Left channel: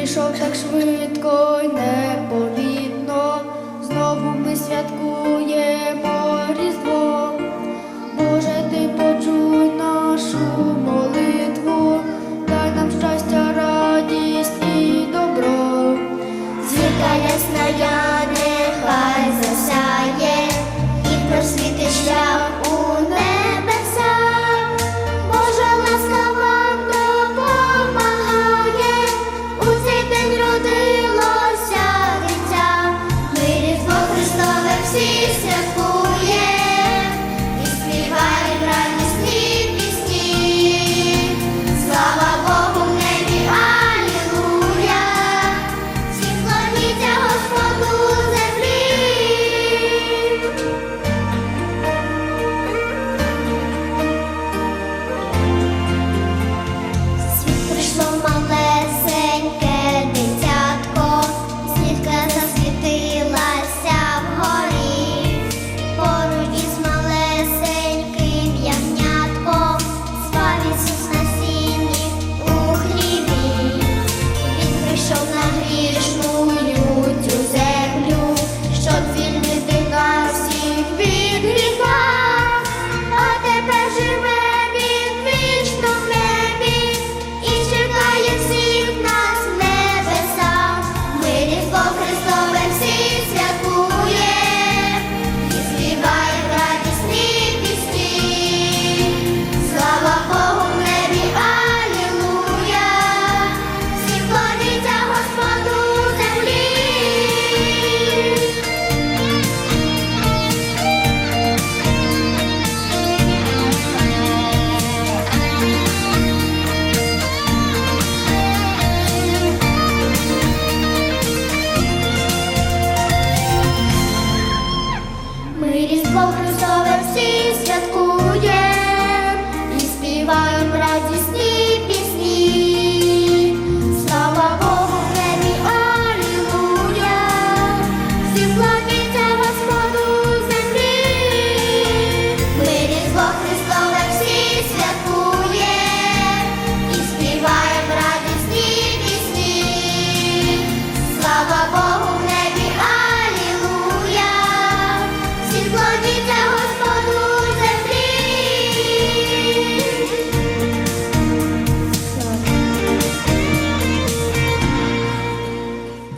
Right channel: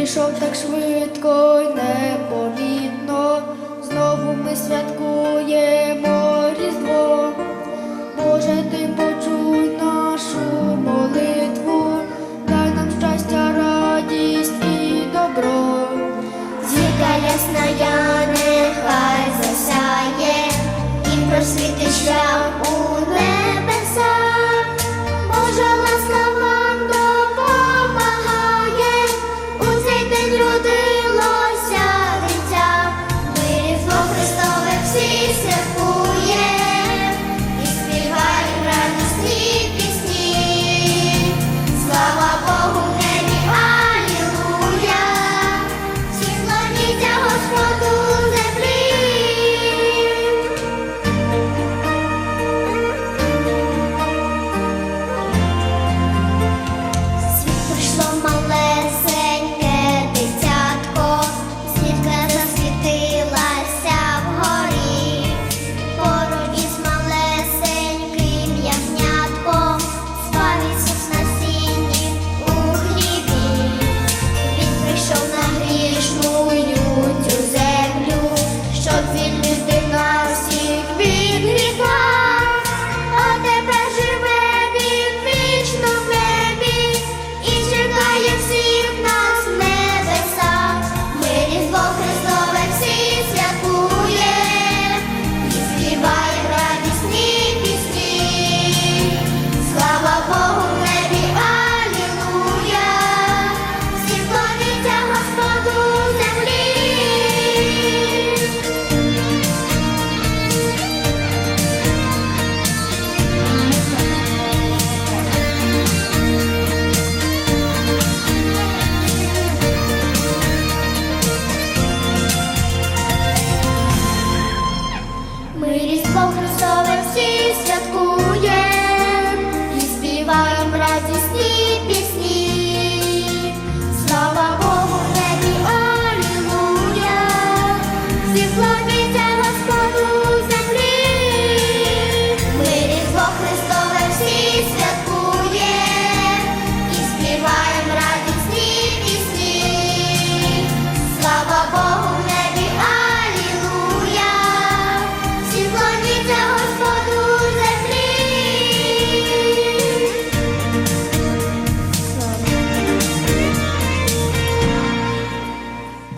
прийшов так швидко й непомітно. Знову ми святкуємо Різдво. Боже, ти почуй нашу молитву, дай нам щастя, радість і добро. Зірка ясна, я нехай засяє і просвітить шлях у небо. on my Cristo, Cristo. Христове всі святкуєм і співаєм радісні пісні, слава Богу, небі, алілуя, всі